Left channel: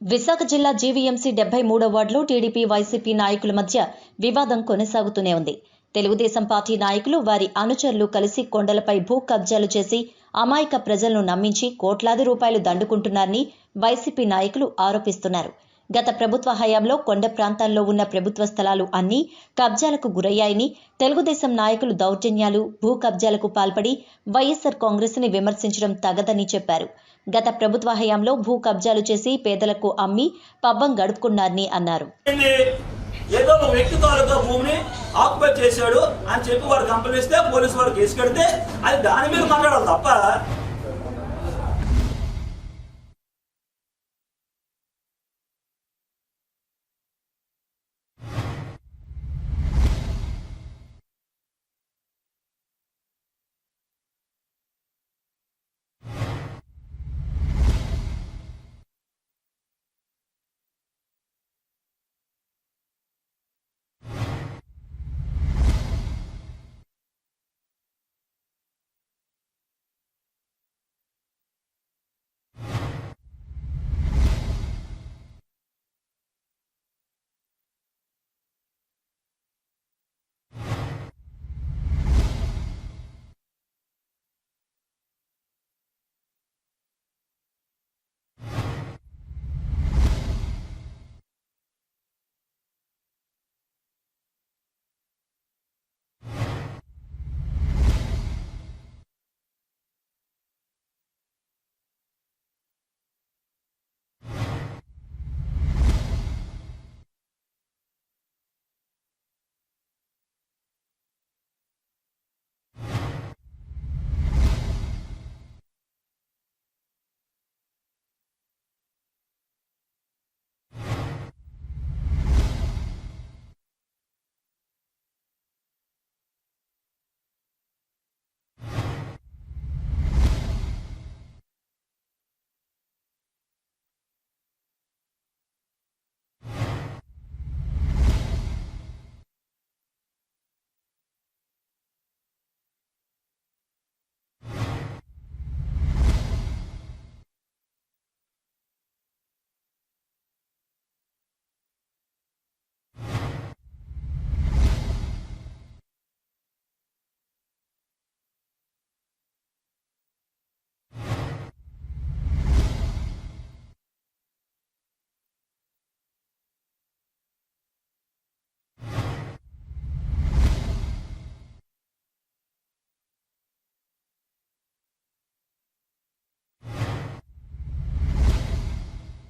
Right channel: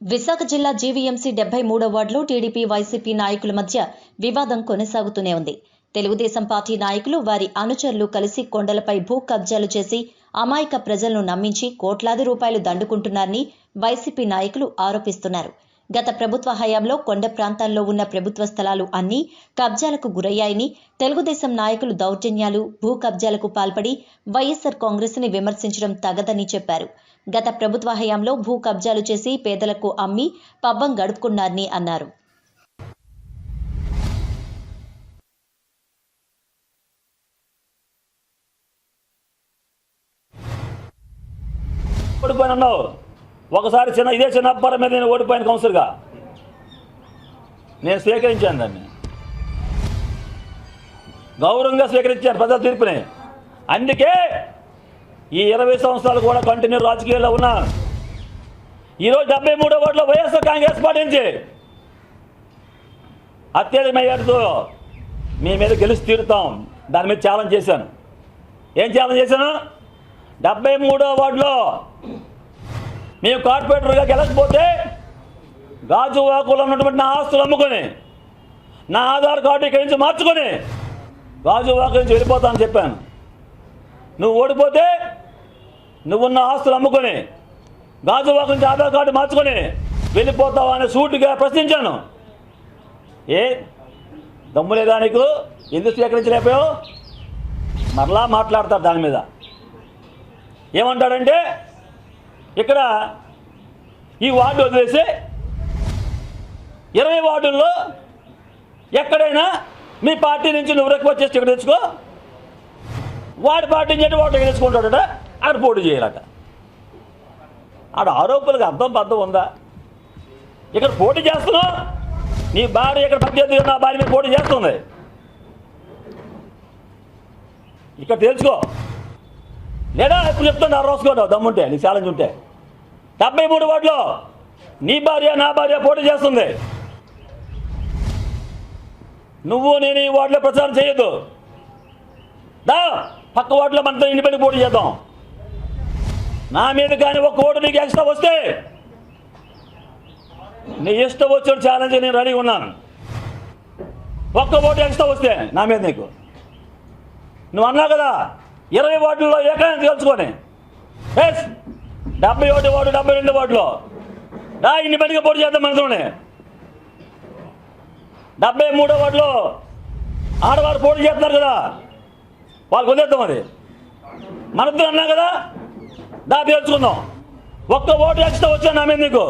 విశాఖ జిల్లా జీవీఎంసీ 73వ వార్డులో TDP YCP నాయకుల మధ్య వివాదం కొనసాగుతూనే ఉంది. తెలుగుదేశం పార్టీ నాయకులు వారి అనుచరులు కలిసి కొండలపై భూ కబ్జాలు చేసి అమాయక ప్రజలను నమ్మించి కోట్లాది రూపాయలు దండుకుంటున్నారని వైసీపీ నాయకులు ఆరోపిస్తున్నారు. గత ప్రభుత్వ హయాంలో కొండ ప్రాంతాల్లో ఉన్న ప్రభుత్వ స్థలాలు అన్నీ కబ్జాలకు గురయ్యాయని, తెలుగుదేశం నాయకులు దౌర్జన్యాలు, భూ కబ్జాలకు పాల్పడి వైఎస్ఆర్ కాంగ్రెస్ని విమర్శించడం తగదని చెప్పారు. గత ప్రభుత్వ హయాంలో భూ కబ్జాలు చేసి పేదలకు అమ్మి పబ్బం గడుపుకున్నారని అన్నారు. ఏదో ఒక వ్యక్తి తాలూకా భూమిని ఆక్యుపై చేశాడు అని చెప్పి వారు కంప్లైంట్ ఇస్తే పోలీసు వారు కేసు కడితే అది దాని మీద మాట్లాడాలి తప్ప ఓడిపోయినావు. ఒకసారి ఇదే చిన్నప్పటి మీద నేను ఓడిపోయిన కౌన్సిలర్గా నేను స్వీకరించాను, దాన్ని గౌరవంగా స్వీకరించాను ప్రజల తీర్పుని. అందుకే ఈ 20 సంవత్సరాలు కూడా కంటిన్యూ రాజకీయాల్లో ఉన్నా. ఈరోజు 73వ వార్డులో వైఎస్ఆర్ కాంగ్రెస్ పార్టీ నుంచి అత్యధిక మెజార్టీతో మీ మీద గెలిచి తీరుతాం. దాని మీద ఛాలెంజ్ చేశాను. ఏం ఛాలెంజ్ చేశాను? 73వ వార్డులో మేము కార్పొరేటర్గా గెలకపోతే గాజువాకులో ఉన్నటువంటి నా ఆస్తులు అమ్ముకొని, నా ఆధార్ కార్డు ఇక్కడి నుంచి మార్చుకొని గాజువాకు నుంచి వెళ్ళిపోతానని చెప్పాను. నువ్వు ఓడిపోతే నువ్వున్న ఆస్తులు అమ్ముకొని గాజువాకు నుంచి ఆధార్ కార్డు మార్చుకొని వెళ్ళిపోతావా అని సూటిగా ప్రశ్నించాను. ఏ దమ్ములేదా నీకు? ఎందుకు స్వీకరించలేకపోయావు? మరలా మాట్లాడతారు దాని మీద. ఏమంటాడంటే ఇక్కడ ఈ వార్డు వదిలేసి 20 వార్డుల్లో ఎక్కడైనా మీ పార్టీ నుంచి నువ్వు రిక్వెస్ట్ చేసి ఇక్కడ తెచ్చుకో, వాడి పార్టీ నుంచి వాడు తెలుసుకుంటాడట, ఆడ పోటీ చేయాలట. ఆడ ఆరోపణలకు అర్థం ఉందా? ఇక్కడ పోటీ చేస్తున్నావు, నీ భార్య ఇక్కడ పనిచేస్తుంది, నా భార్య మీద పోటీ చేస్తుంది. ఇక్కడ తెలుసుకో, లేదా ఇప్పుడు చెప్తున్నా రాసుకోండి దమ్ముంటే, నీ ఛాలెంజ్ ఉంటే. 73 వార్డులో నీ భార్య నా భార్య పోటీ చేస్తుంది. నువ్వు నేను ఈ వార్డులో ప్రచారం చేయొద్దు. దా పక్క వార్డులో మనతో ఇండిపెండెంట్ పోటీ చేద్దాం. నా మీద కానీ ఒక్క ఓటు నీకు ఎక్స్ట్రా వస్తే నీ ఇష్టం వచ్చిన ఛాలెంజ్ నేను రెడీ ఉన్నాను. ఒక్క ఓటు ఎక్స్ట్రా వస్తే నా మీద నీకు, నువ్వు అన్నావు కదా 20 వార్డుల్లో ఏకైనా తెలుసుకొని 71 వార్డు 72 వార్డులో దా ఇండిపెండెంట్గా పోటీ చేద్దాం. మనతోనే 73వ వార్డులో ఆడవారు పోటీ చేస్తున్నారు కదా, వాళ్ళకి వదిలేద్దాం. అది మనతో అన్నా కదా, దా తెలుసుకుందాం. ఒక్క ఓటు ఎక్స్ట్రా వచ్చాను నా మీద నీకు.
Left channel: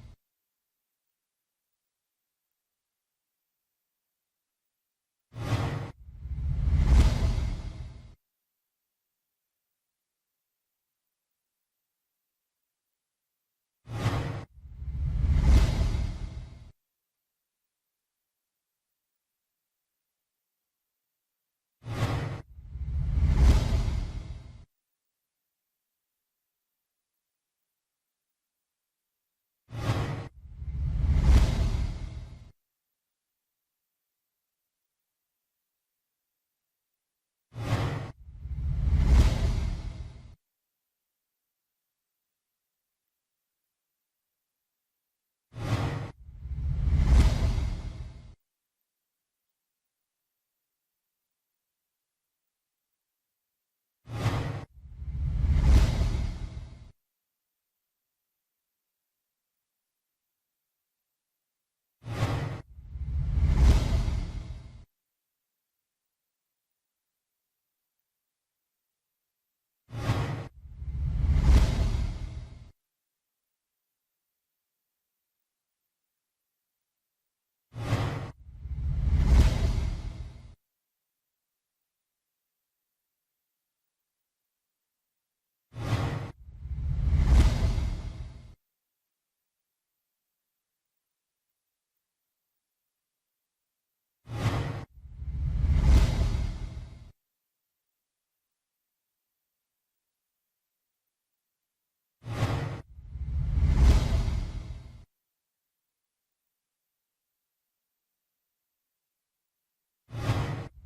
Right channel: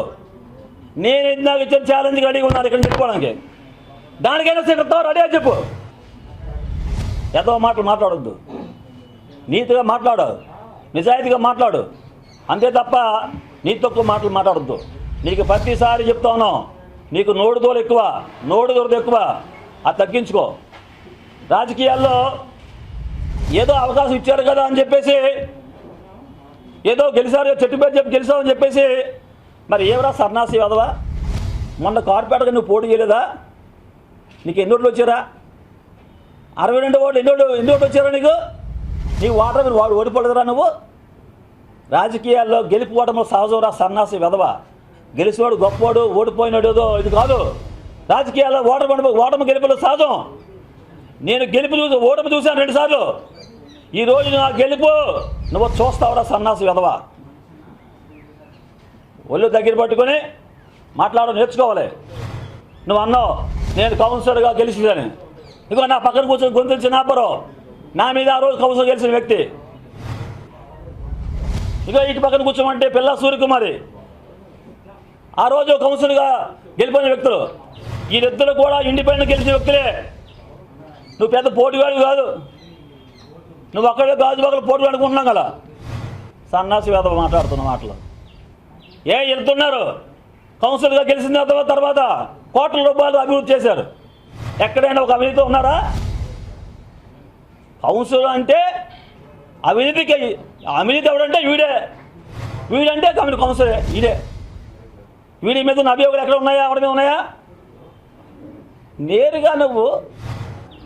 నేను ఇందాక ఇచ్చిన ఛాలెంజ్ రెడీగా ఉన్నాను ఇక్కడ చెప్పుకోవడానికి. దానికైనా సిద్ధం రెడీ అని చెప్పు. ఎంతో మాటలు మాట్లాడొద్దు, నీతిగా మాట్లాడు, నిజాయితీగా మాట్లాడు, అంతే తప్ప నీతి తక్కువ మాటలు మాట్లాడొద్దు. నీకు ప్రతిసారి చెప్తా ఉన్నాం, నీకు నోడు దూరం ఎక్కువ, నోడు దూరం ఎక్కువ, అది తగ్గించుకో. రాజకీయాల్లో ఏదో అవకాశం ఇచ్చారు కదా అని చెప్పేసి, ఏదో గెలిచారు చెట్టు పేరు చెప్పి గెలిచావని చెప్పేసి, మరి ఏవరా సన్నాసి వదవా? మొన్న కార్పొరేటర్గా నువ్వు పోటీ చేయలేదా? నీకు ఎన్ని ఓట్లు వచ్చారా? 62 ఓట్లు ఎన్ని ఓట్లు వచ్చారా నీకు? నీ వాటర్ మీరు వాడు ఓడిపోలేదురా నువ్వు? రాజకీయాల్లో గెలుపు ఓటములు సహజంరా సన్నాసి వెధవా. గెలిచివాడు గొప్పవాడు, ఓడిపోయినాడు ఏదో ఇది కాదు. రాజకీయాల్లో ఓటమి గెలుపులు సహజం. నేను ఓటమి చూశాను 2 సార్లు. ఈరోజు నా గెలుపు నువ్వు చూస్తావురా సన్నాసి వెధవా. ఒళ్ళు దగ్గర పట్టుకొని మాట్లాడడం నేర్చుకోవాలి. నువ్వు అన్నావు నేను కౌన్సిలర్గా గెలిచిందని. ఇదిగో నా పక్కన కూర్చొని గొంతులు చిన్నాపరం నా మీద ఆ రోజు కౌన్సిలర్ గెలిచిన వ్యక్తి. ఇక ఇటు పక్కన కూర్చోమంటే పిల్ల సూర్యకుమారి ఆ రోజు కౌన్సిలర్గా గెలిపోయిన వ్యక్తులు. వీరిద్దరు కూడా ఇండిపెండెంట్ గెలిచిన వ్యక్తులే. నువ్వు పెద్ద పోటీవాడు కాదు, నువ్వు అక్కడే గాజువాకలు పోటీ అనుకుంటున్నాం కదా. సన్నాసి వేద మాట్లాడుతున్న మాటలు వెళ్తున్నారు. కౌన్సిలర్గా గెలిచిన తర్వాత కోట్ల రూపాయలు అభివృద్ధి చేశారు. ఎక్కడైనా ఒక అవినీతి ఉన్నారా? కౌన్సిలర్ అంటే అవినీతి ఎవడంటే వీడంటే కౌన్సిలర్ ఇదే. వీడి మీద ఉన్న అభియోగాలు ఎక్కడ ఉన్నాయా? ఆవిడ మీద ఉన్నాయా? నేరుగా నువ్వు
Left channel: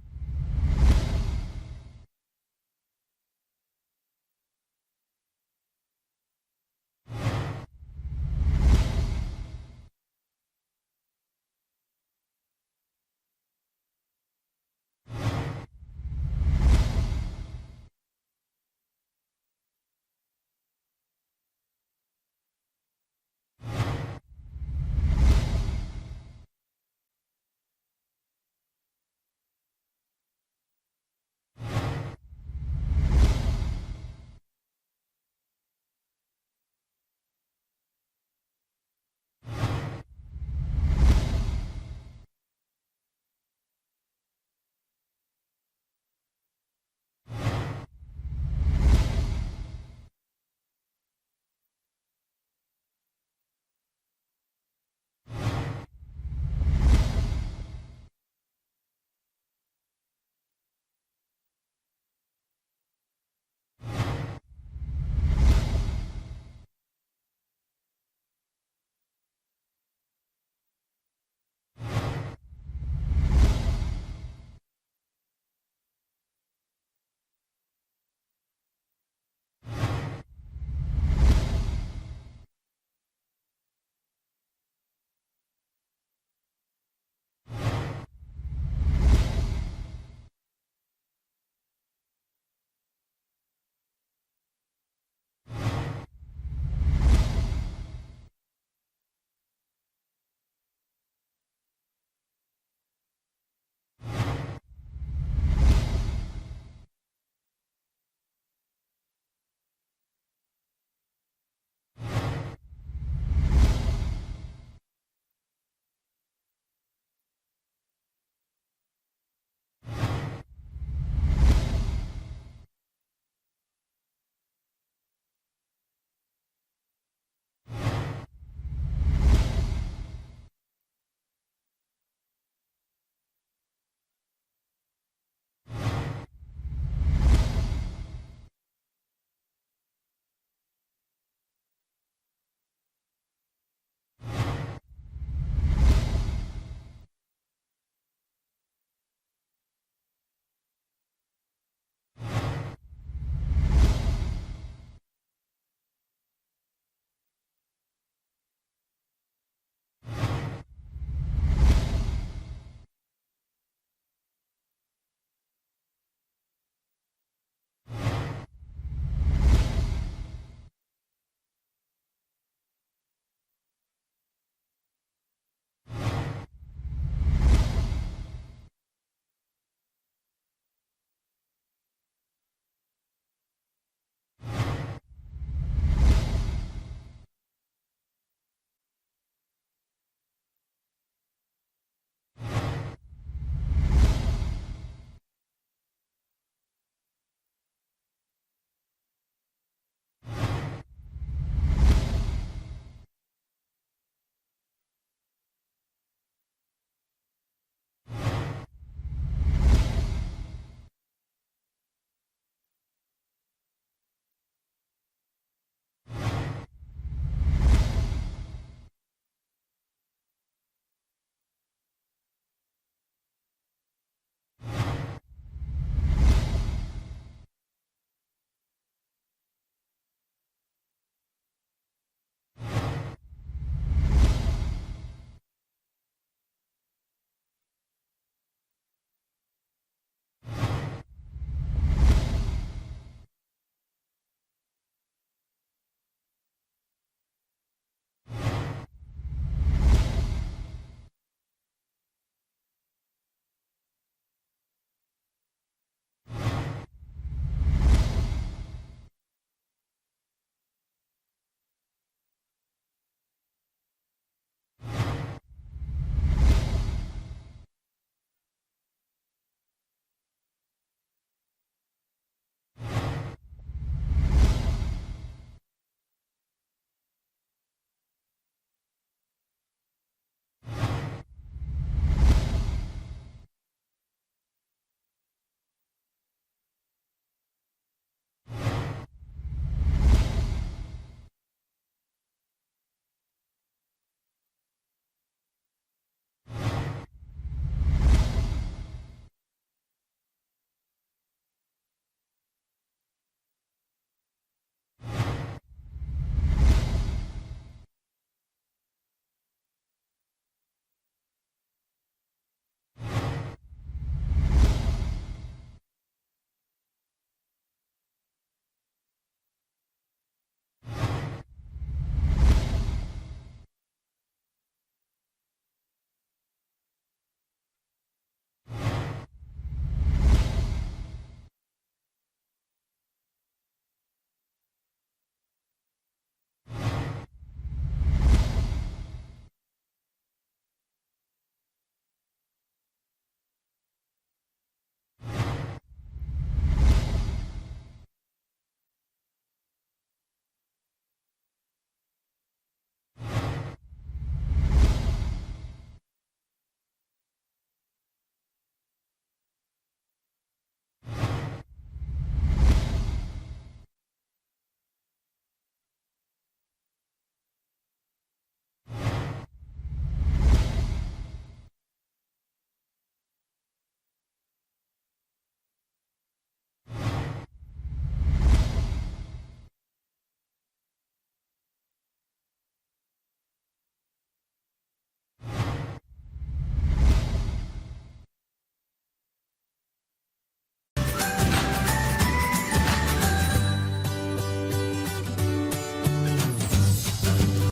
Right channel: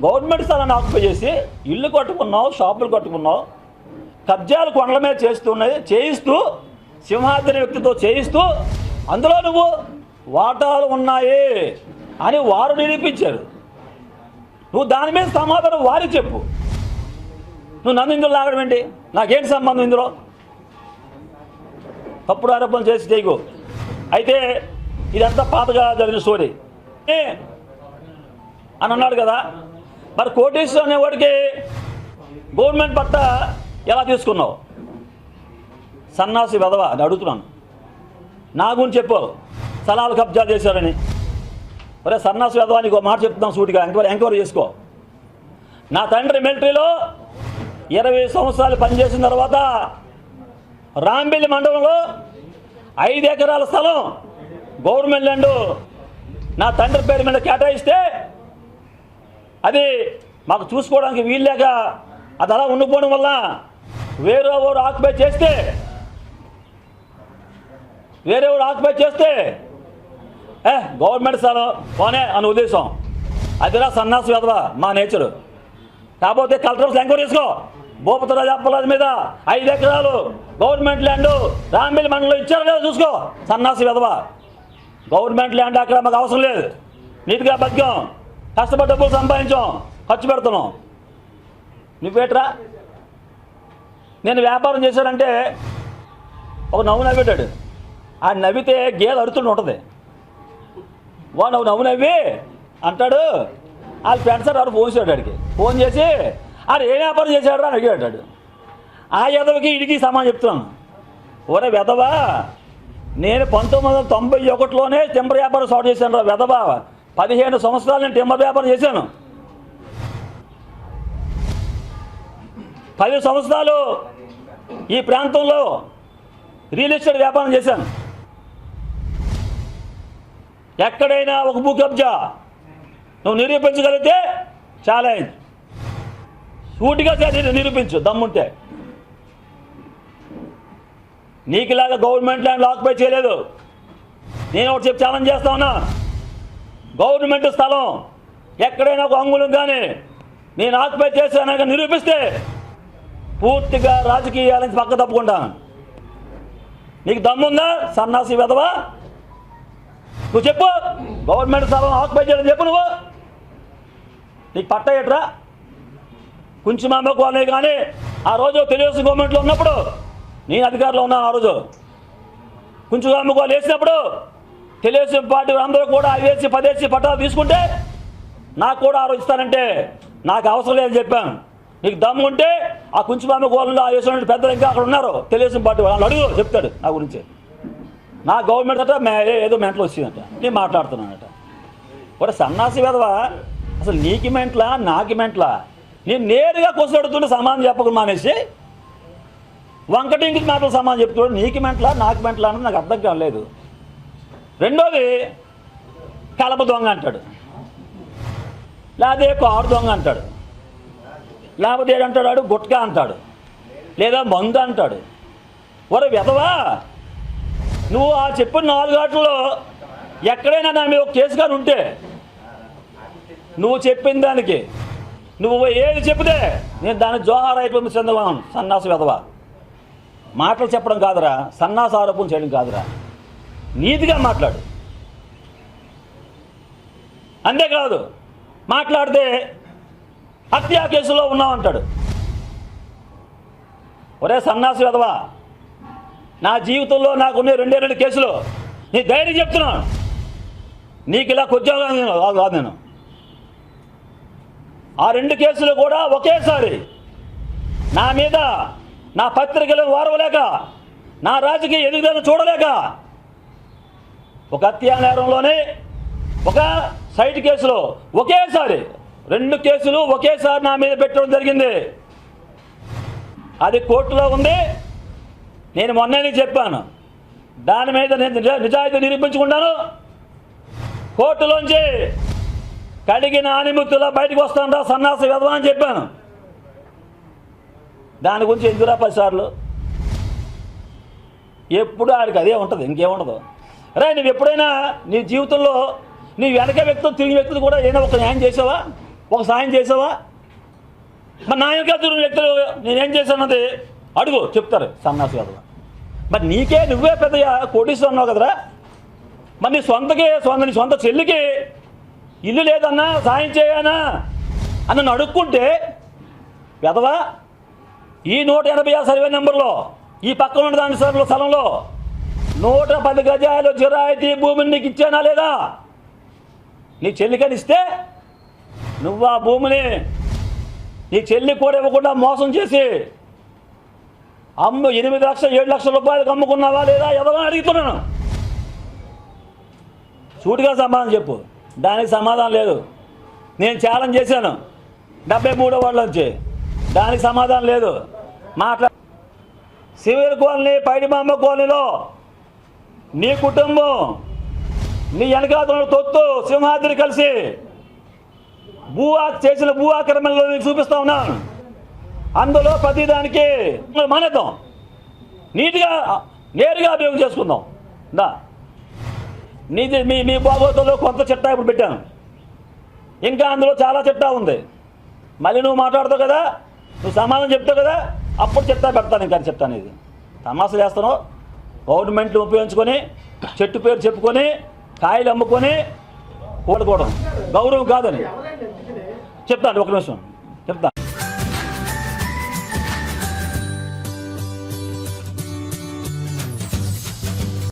గవర్నమెంట్ స్థలాన్ని ఆక్యుపై చేసి ఇల్లు కట్టుకున్నావు, షాపులు కట్టుకున్నావు, కబ్జాలు కొండల మీద చేయిస్తూ సింహాద్రి వ్యక్తితో చేయిస్తూ అందులో నువ్వు వాటాలు ఉన్నాయి అని వారు నిరూపించారు. నువ్వు దాని మీద సమాధానం వారికి చెప్పు. నువ్వు నన్ను ఇందులో లాగడం ఏంటి? నాకేంటి సంబంధం ఇందులో? తప్పుడు ఆరోపణలు చేసి చేయకు. అయితే ఇదంతా పాతగా జరిగిన స్టోరీ అని అన్నాడు కదా. మరి కోటేశ్వర అనేవాడికి గవర్నమెంట్ పట్ట ఎలా తీసుకున్నావు? సన్నాసి వెధవ అని అడుగుతున్నాను. నా గురించి చెప్పు, స్థలాలు కబ్జా చేశారని. ఒరే సన్నాసి వెధవ నీకు మాట చెప్తున్నాం సూటిగా, ఎంక్వైరీ చేసుకో. నా తండ్రి మిలిటరీలో 20 సంవత్సరాలు పనిచేసిన తర్వాత రాంబిల్లి మండలంలో 5 ఎకరాల స్థలం గవర్నమెంట్ ల్యాండ్ నా తండ్రి పేరు మీద కేటాయిస్తే అది మాకు చూసుకోవడానికి వీల్లేక అది అలా ఉండిపోవడం వల్ల వేరే ఊరు ఆక్యుపై చేస్తే గవర్నమెంట్ స్థలం పోనే అని ఉద్దేశం. అదిరా సన్నాసి వెధవ మా నేచరు. కాకపోతే కలెక్టర్స్ ఎంక్వైరీ చేసుకో. భూపతిరాజు అప్పలరాజు మీద 5 ఎకరాలు గవర్నమెంట్ ల్యాండ్ రాంబిల్లి మండలంలో ఇచ్చారు కదా, చూసుకో. సన్నాసి వెధవ. గవర్నమెంట్ ల్యాండ్ అక్కడ మాకు అవసరం లేదు. నీట్గా బతికాం, కష్టపడి డబ్బులు సంపాదించాం, ఖర్చు పెడుతున్నాం. నువ్వేట్రా? నేను వ్యాపారం చేశానంటే ఒక నవ్వు నవ్వేటాడు. ఆ నవ్వితే గేదె అరుతుండి ఉంటుంది. వాడు నవ్వు నవ్వి అంటాడు. వాళ్ళ ఫ్రెండ్స్ ఎవరు ఫోన్ చేశాడు ఆడికి. ఫోన్ చేసి ఆడు ఏ వ్యాపారం చేశాడు అని అడిగాడు. ఆ ఎదవకి ఇడికి సమానం చెప్తున్నాను. ఒరే వెధవా, నేను 1991లోనే టింబర్ వ్యాపారం స్టార్ట్ చేశాను రా వెధవా. 15 సంవత్సరాలు నేను టింబర్ వ్యాపారం చేశాను. 10 సంవత్సరాలు ఈ ప్రాంతంలో రియల్ ఎస్టేట్ వ్యాపారం చేశాను. ఎక్కడైనా ఒక భూ కబ్జా నువ్వు నిరూపించగలిగితే ఛాలెంజ్, సూటిగా నిరూపించు దమ్ముంటే. నీకులాగా గవర్నమెంట్ ల్యాండ్ ఆక్యుపై చేయలేదు. నేను ఒకటి చెప్పి ఛాలెంజ్ చేస్తా ఉన్నా. గవర్నమెంట్ స్థలం ఎక్కడైనా ఒక అంగుళం కానీ నేను ఆక్యుపై చేశానని నిరూపిస్తే పూర్తిగా రాజకీయాల నుంచి పక్క తప్పుకుంటాను. నీకు దమ్ముందా సన్నాసి వెధవా? నువ్వు చెప్పు, గవర్నమెంట్ స్థలం ఆక్యుపై చేయడం చెప్పు. నువ్వు నీకు పట్ట ఏట్రా? కొంచెం అమ్మకోవాలి. కానీ ఆ రోజు తెలుగుదేశం గవర్నమెంట్లో ఉన్నప్పుడు నేను అధికారంలో ఉన్నాను. ఆ రోజు కొంచెం అమ్మకోవాలి వేసినప్పుడు తెలుగుదేశం పార్టీ అందరూ కూడా 5 10 పట్టాలు తీసుకుంటే నాకు కూడా ఆ రోజు ఇస్తానంటే నాకు అవసరం లేదని చెప్పాను. నీకు దమ్ము ఉంటే ఆ కుంచుమామ గోళంలో ఆ వేసిన పెద్దలు ఇంకా అక్కడ ఉన్నారు తెలుగుదేశం పార్టీ వాళ్ళు అడుగు, చెప్తాడు నా గురించి. నా గవర్నమెంట్ అట ఏదో మెంటలు వచ్చిందట, నేను మాట్లాడుతున్నానట. ఒక సన్నాసి వెధవా, అసలు నీకు మెంట్లా నాకు మెంట్లా? నేను నేరుగా కొసడుతుంటే సమానం చెప్పకుండా మానేసి వంకటి ఇంటికి మాటలు సమానం చెప్తున్నాడు. నీకు మెంట్లా నాకు మెంట్లా అన్నది నాకు అర్థం కాలేదు. రెండోది కలప దొంగ అంటాడు, లేకపోతే కారు దొంగ అంటాడు, లేకపోతే ఏడంటాడు గుట్కా అంటాడు, లేదా మందు అంటాడు. ఒరే వెధవా, నువ్వు ఆ చెప్పిన 4 గంటల్లో ఎక్కడైనా నా మీద ఒక కేసు కానీ ఉంటే నువ్వు చెప్పిన దానికి నువ్వు ఏది చెప్తే నేను దాన్ని జోహార్ అయిపోయింది చంద్రబాబు. సన్నాసు వెధవా, మాటలు చెప్పడం కాదురా, సన్నాసు ఆరోపణ చేయడం కాదురా, నీతిగా మాట్లాడు. అంతేకాదు మాట్లాడితే హత్యా కేసులో ఉన్నావంటాడు. ఒరే సన్నాసి వెధవా, నా జీవితంలో నాకున్న 2 కేసులు నీ ధైర్యం చెప్తున్నాను. నీకు ఇలా కొద్దిగా కాదు నేను. ఆ 2 కేసులు కూడా ఒకేసారి నా మీద నా పత్రికలను వారవలేక, నా రాజకీయ ఎదుగుదల చూడలేక ఒక హత్యా నేరంలోనే ఒక సైట్ కేసులో ఒకేసారి 2 కేసులు ఒకేసారి నా మీద పెట్టడం జరిగింది. అది కోర్టులో ఉంది. నేను మొన్ననే చెప్పాను, దాని మీద నేను నిజాయితీ నిరూపించుకుంటాను. కోర్టులోంచి కడిగిన ఆనిముత్తులా బయటకు వస్తాను రా సన్నాసి వెధవా అని చెప్పాను. దాని గురించి ఎందుకురా 10 సార్లు? ఎప్పుడు ఆడికి అదే ఉంటుంది, ఇంకేముండదు. రా, నువ్వు ఎప్పుడైనా నీ జీవితంలో నీ వెనక వ్యక్తులు తిరిగి వ్యక్తులు కూడా ఏదైనా ఒక న్యాయం చేసావా, ఒక సాయం చేసావా? మరి నా వెనక తిరిగిన వ్యక్తులు నేనేం చేశానది అడుగు, చెప్తారు సన్నాసి వెధవా. మరి నీకే నువ్వే పెద్ద కోటీశ్వరం అన్నావు కదరా, మరి నీ సొంత చెల్లికి ఇల్లు లేదన్నా సాయం చేయనా అని నన్ను అడుక్కుంటే పెదవా ఈ 186 సర్వే నెంబర్లో ఈ పక్కన ఉన్న దాని స్థలంలో 110 గజాలు జిరాయితీ భూమిని నీకు ఇచ్చానా లేదా? నీ చెల్లికని ఇస్తే నువ్వు ఆ భూమిని నీ చెల్లి కూడా ఇవ్వకుండా మోసం చేసి 8 లక్షలు 7 లక్షల రూపాయలకు అమ్ముకున్నావా లేదా ఎవరైనా అడుగుతున్నాను. సూటిగా సమాధానం చెప్పు. దానికి సమాధానం లేదు. నేను ఛాలెంజ్ చేశాను 73వ వార్డు నుంచి, దానికి సమాధానం లేదు. సివిల్ కాలనీ పైడిమాంబ కాలనీలో నీ కుటుంబం నీ వెనకాతల తొత్తు సింహాద్రి కలిసి చేసిన భూ ఆక్రమణలో నీకు చూపిస్తా ఉన్నాను. అందులో ప్రతిదానికి మానేద్దాం, నీట్గా నేరుగా అభియోగం చేసుకుందాం. దా నీది మీ బాగోతుల్లో కొంత చిట్టా ఇప్పుడు పెట్టాను, ఇంకా అందులో చాలా చిట్టా ఉంది. మళ్ళీ నువ్వు మాట్లాడతావు కదా, నువ్వు సమాధానం చెప్తావు కదా, అప్పుడు చిట్టా పెడతాను. ఇంకా చెప్తాను. ఇది తమాషా చేస్తాను. గవర్నమెంట్ ఉపయోగించుకొని చెట్టు పేరు చెప్పుకొని కాయలు అమ్ముకొని ఓడుకోవడం గౌరవం కాదని చెప్తాను. ఒక నిమిషం చెప్తాను.